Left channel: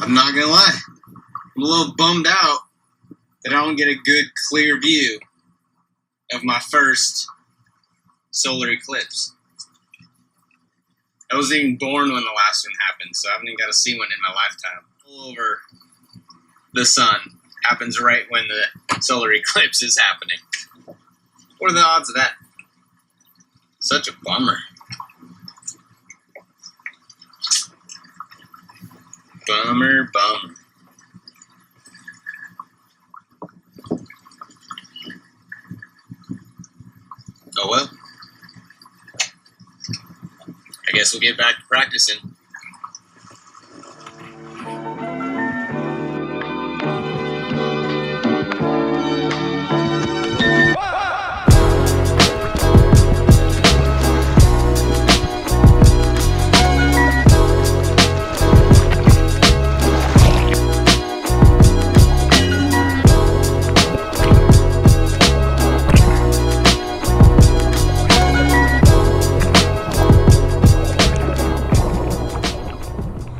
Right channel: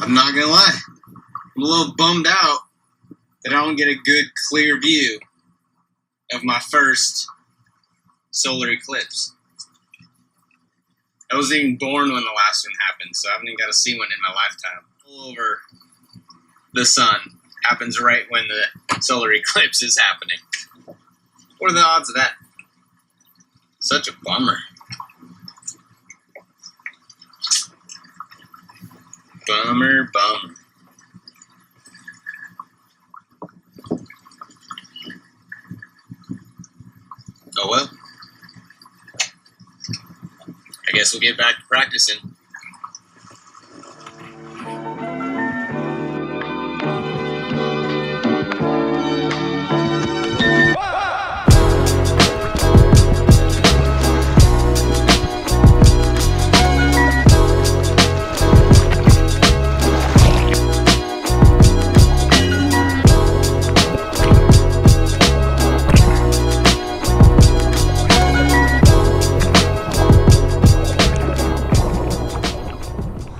I'm not gonna lie, I'm a little bummed out that I don't get a good, clear view of my first solar eclipse. I wasn't even born when the last one happened, so I haven't even got to see one in my lifetime. All over the sun happens right when the solar eclipse is happening. What are the odds of that? Such a bummer. Bummer. Oh well. I guess we'll get back to practicing.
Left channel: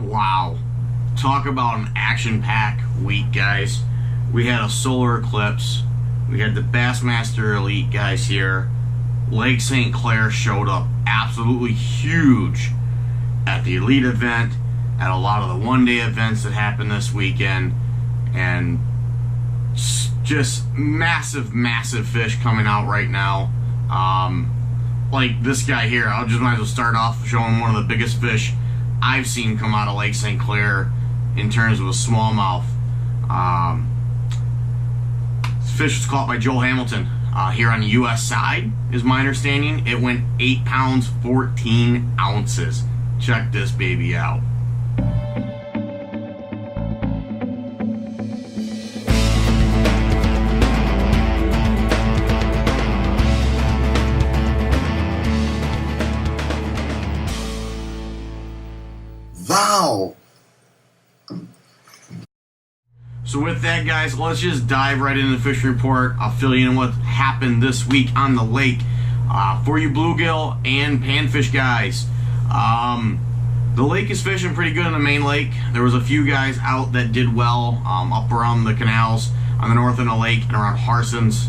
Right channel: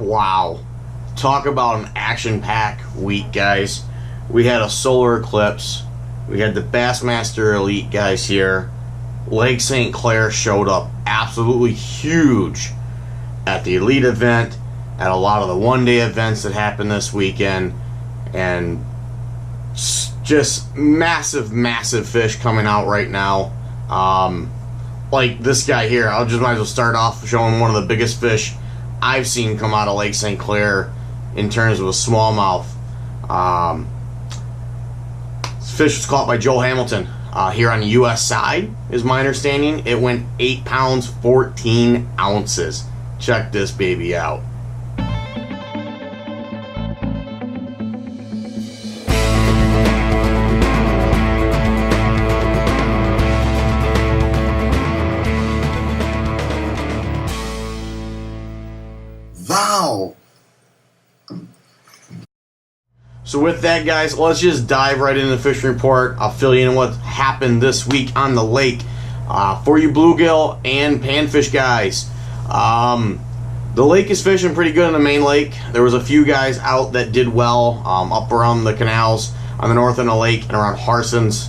Wow. Talk about an action-packed week, guys. We had a solar eclipse. We had the Bassmaster Elite guys here. Lake St. Clair showed up absolutely huge at the Elite event, at a lot of the one-day events that happened this weekend, and just massive fish coming out right now. Like this guy here, might as well start off showing one of the biggest fish I've seen come out of Lake St. Clair in terms of a smallmouth. This fish was caught by Joe Hamilton here on the U.S. side, is my understanding. It went 8 pounds, 14 ounces. Check this baby out. Wow. So with that, guys, let's just dive right into the fishing report. I'll fill you in what happened this week on the lake for you bluegill and panfish guys. The lake is fishing pretty good in the main lake. There was a few guys out that did well up around the canals on the north end of the lake and around Harson's.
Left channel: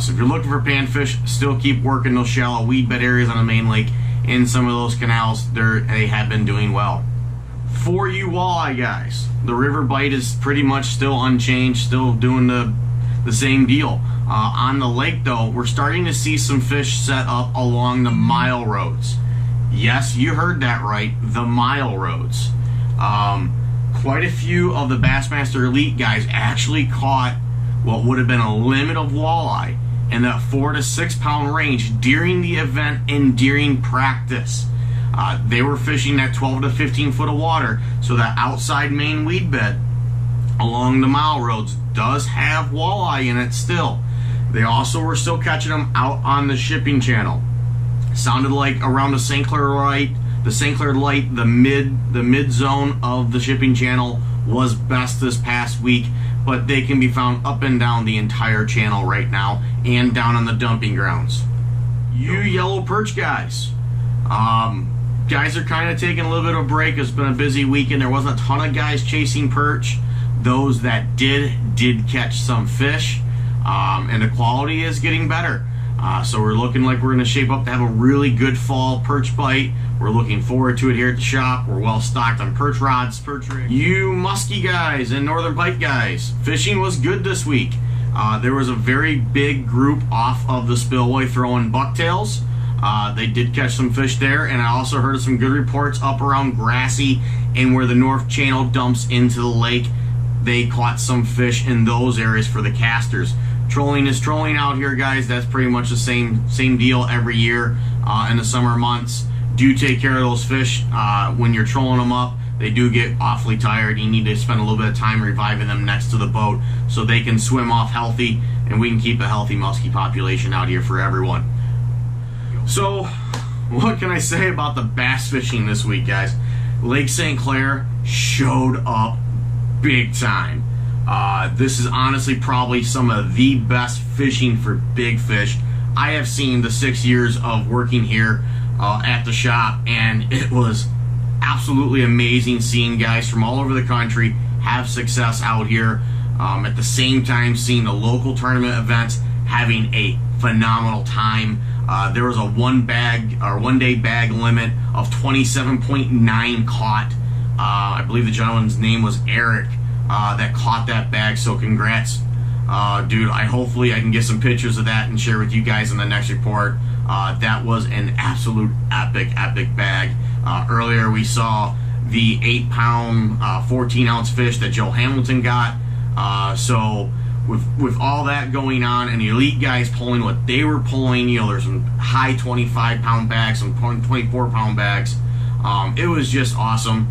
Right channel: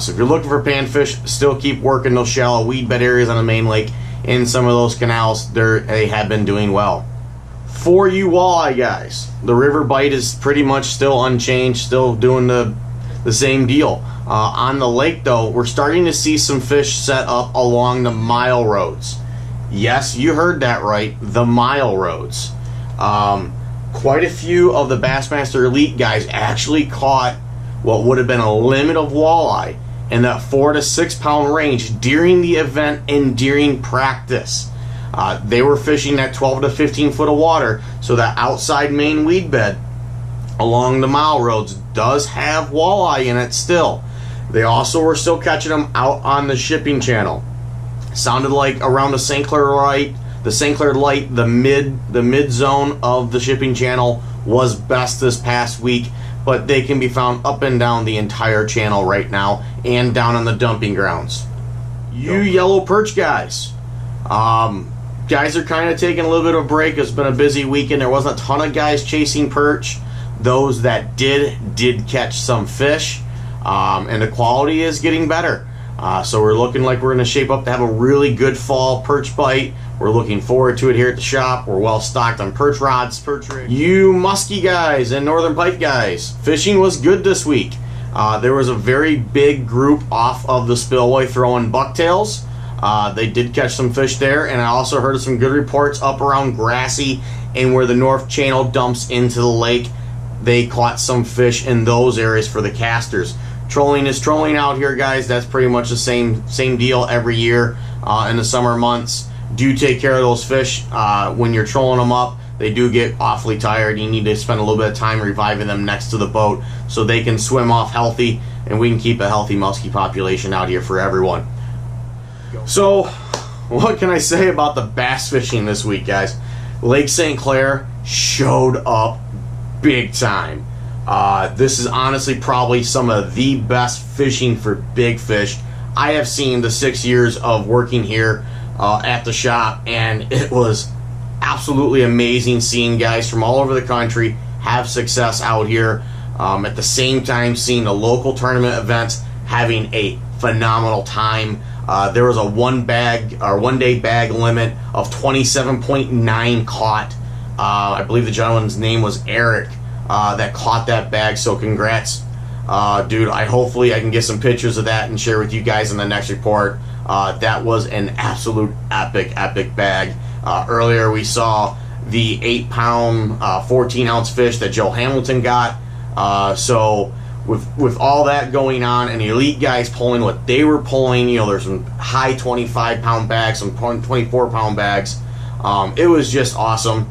So if you're looking for panfish, still keep working those shallow weed bed areas on the main lake. In some of those canals, they have been doing well. For you walleye guys, the river bite is pretty much still unchanged, still doing the same deal. On the lake though, we're starting to see some fish set up along the mile roads. Yes, you heard that right, the mile roads. Quite a few of the Bassmaster Elite guys actually caught what would have been a limit of walleye in that 4 to 6 pound range during the event and during practice. They were fishing that 12 to 15 foot of water, so that outside main weed bed along the mile roads does have walleye in it still. They also were still catching them out on the shipping channel. Sounded like around the St. Clair Light, the mid zone of the shipping channel was best this past week, but they can be found up and down the entire channel right now and down on the dumping grounds. You yellow perch guys. Guys are kind of taking a little bit of a break. It's been a busy weekend. There wasn't a ton of guys chasing perch. Those that did catch some fish, and the quality is getting better. So we're looking like we're going to shape up to have a really good fall perch bite. We're looking forward to it here at the shop. We're well stocked on perch rods, perch rigs. You muskie guys and northern pike guys, fishing was good this week. There was a very big group off of the spillway throwing bucktails. They did catch some fish there, and I also heard some good reports up around Grassy and where the North Channel dumps into the lake. They caught some fish in those areas for the casters. Trolling is trolling out here, guys. That's pretty much the same deal every year in the summer months. Do take care of those fish when you're trolling them up. They do get awfully tired. You need to spend a little bit of time reviving them next to the boat so they can swim off healthy, and we can keep a healthy muskie population out here for everyone. So, what can I say about the bass fishing this week, guys? Lake St. Clair showed up big time. This is honestly probably some of the best fishing for big fish I have seen the 6 years of working here at the shop, and it was absolutely amazing seeing guys from all over the country have success out here. At the same time, seeing the local tournament events having a phenomenal time. There was a one-day bag limit of 27.9 caught. I believe the gentleman's name was Eric that caught that bag. So congrats, dude. Hopefully I can get some pictures of that and share with you guys in the next report. That was an absolute epic bag. Earlier we saw the 8-pound, 14-ounce fish that Joe Hamilton got. So with all that going on and the elite guys pulling what they were pulling, you know, there's some high 25-pound bags, some 24-pound bags. It was just awesome.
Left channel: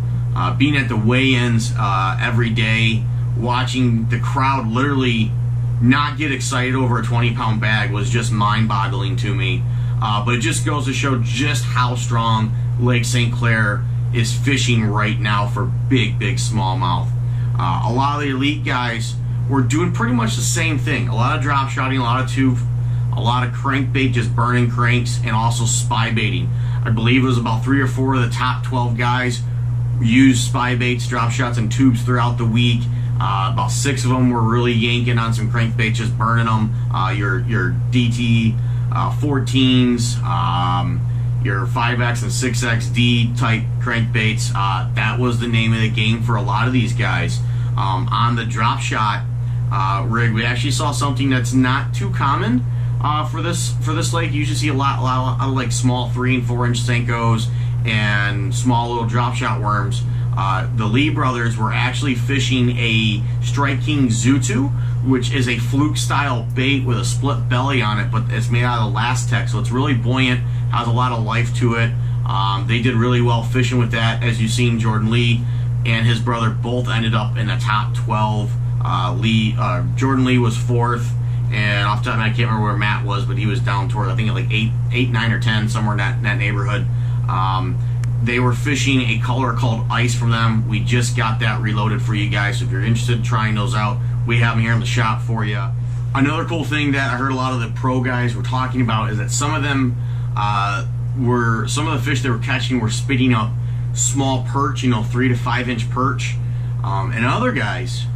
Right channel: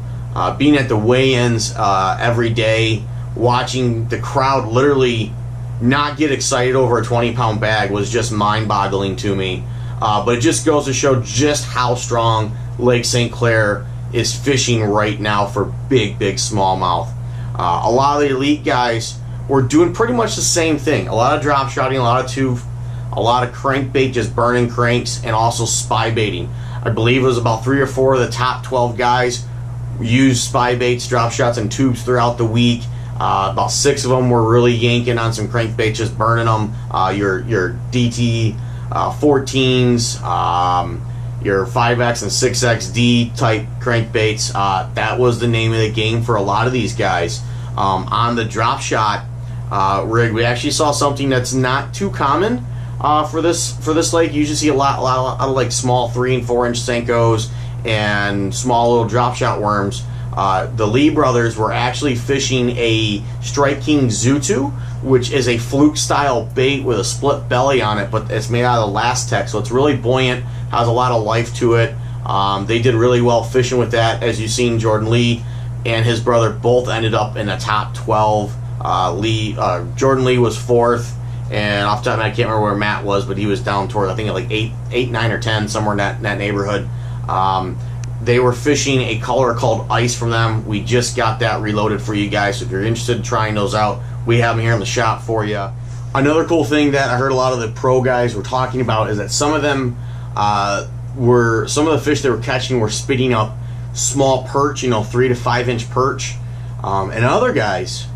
Being at the weigh-ins every day, watching the crowd literally not get excited over a 20-pound bag was just mind-boggling to me. But it just goes to show just how strong Lake St. Clair is fishing right now for big smallmouth. A lot of the elite guys were doing pretty much the same thing. A lot of drop shotting, a lot of tube, a lot of crankbait, just burning cranks, and also spy baiting. I believe it was about 3 or 4 of the top 12 guys used spy baits, drop shots, and tubes throughout the week. About 6 of them were really yanking on some crankbaits, just burning them. Your DT 14s, your 5X and 6XD type crankbaits. That was the name of the game for a lot of these guys. On the drop shot rig, we actually saw something that's not too common for this lake. You usually see a lot of like small 3 and 4 inch Senkos and small little drop shot worms. The Lee brothers were actually fishing a Strike King Zutu, which is a fluke style bait with a split belly on it, but it's made out of Lastec, so it's really buoyant, has a lot of life to it. They did really well fishing with that. As you've seen, Jordan Lee and his brother both ended up in the top 12. Jordan Lee was 4th, and off the top of my head, I can't remember where Matt was, but he was down toward, I think, at like 8, 9, or 10, somewhere in that neighborhood. They were fishing a color called Ice from them. We just got that reloaded for you guys, so if you're interested in trying those out, we have them here in the shop for you. Another cool thing that I heard a lot of the pro guys were talking about is that some of them some of the fish they were catching were spitting up small perch, 3 to 5 inch perch, and other guys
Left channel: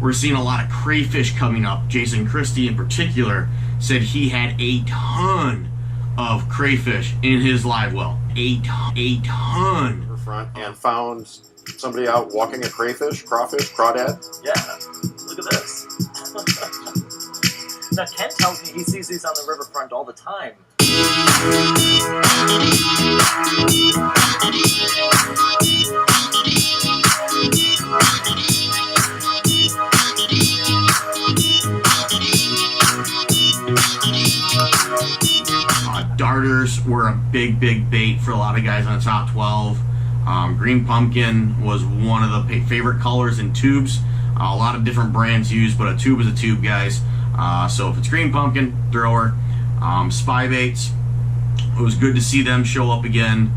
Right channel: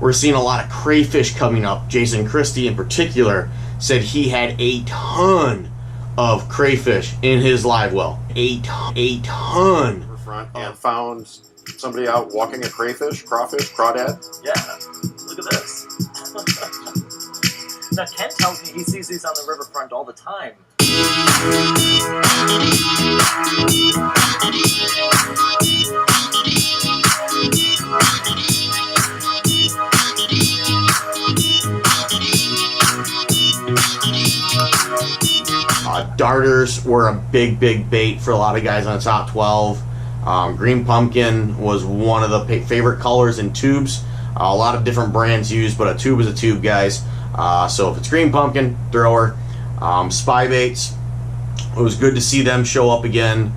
were seeing a lot of crayfish coming up. Jason Christie in particular said he had a ton of crayfish in his live well. A ton. Front and found somebody out walking a crayfish, crawfish, crawdad. Yeah, look at this. Now Ken tells me he sees these on the riverfront all the time. Darters were a big bait for a lot of guys on the top 12. Green pumpkin was one of the favorite colors in tubes. A lot of different brands used, but a tube is a tube, guys. So if it's green pumpkin, thrower. Spy baits, it was good to see them show up again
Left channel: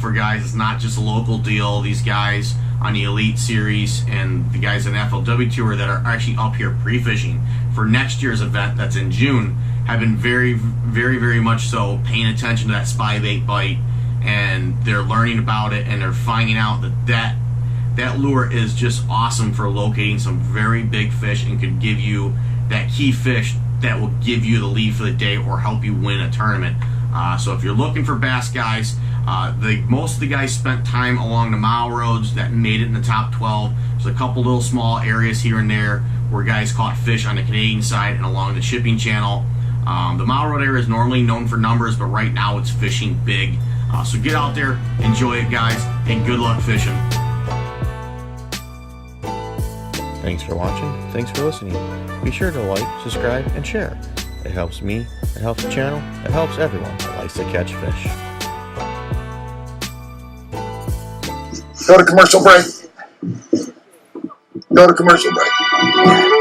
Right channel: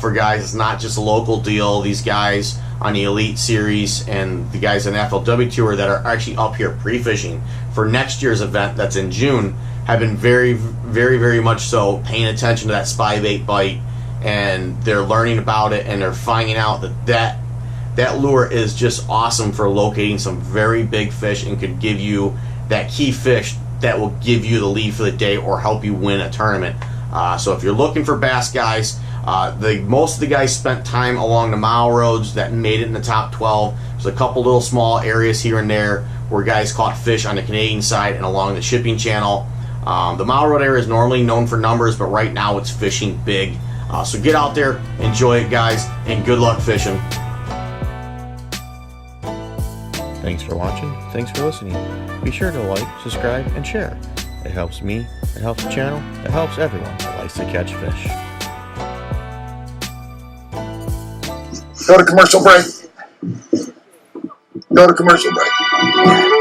for guys. It's not just a local deal. These guys on the Elite Series and the guys on the FLW Tour that are actually up here pre-fishing for next year's event that's in June have been very much so paying attention to that spy bait bite, and they're learning about it, and they're finding out that lure is just awesome for locating some very big fish and could give you that key fish that will give you the lead for the day or help you win a tournament. So if you're looking for bass, guys, most of the guys spent time along the mile roads that made it in the top 12. There's a couple little small areas here and there where guys caught fish on the Canadian side and along the shipping channel. The mile road area is normally known for numbers, but right now it's fishing big. So get out there, enjoy it, guys, and good luck fishing. Thanks for watching. Thanks for listening. Be sure to like, subscribe, and share. It helps me, it helps the channel, it helps everyone that likes to catch fish. Go to commercial break. Go to commercial break.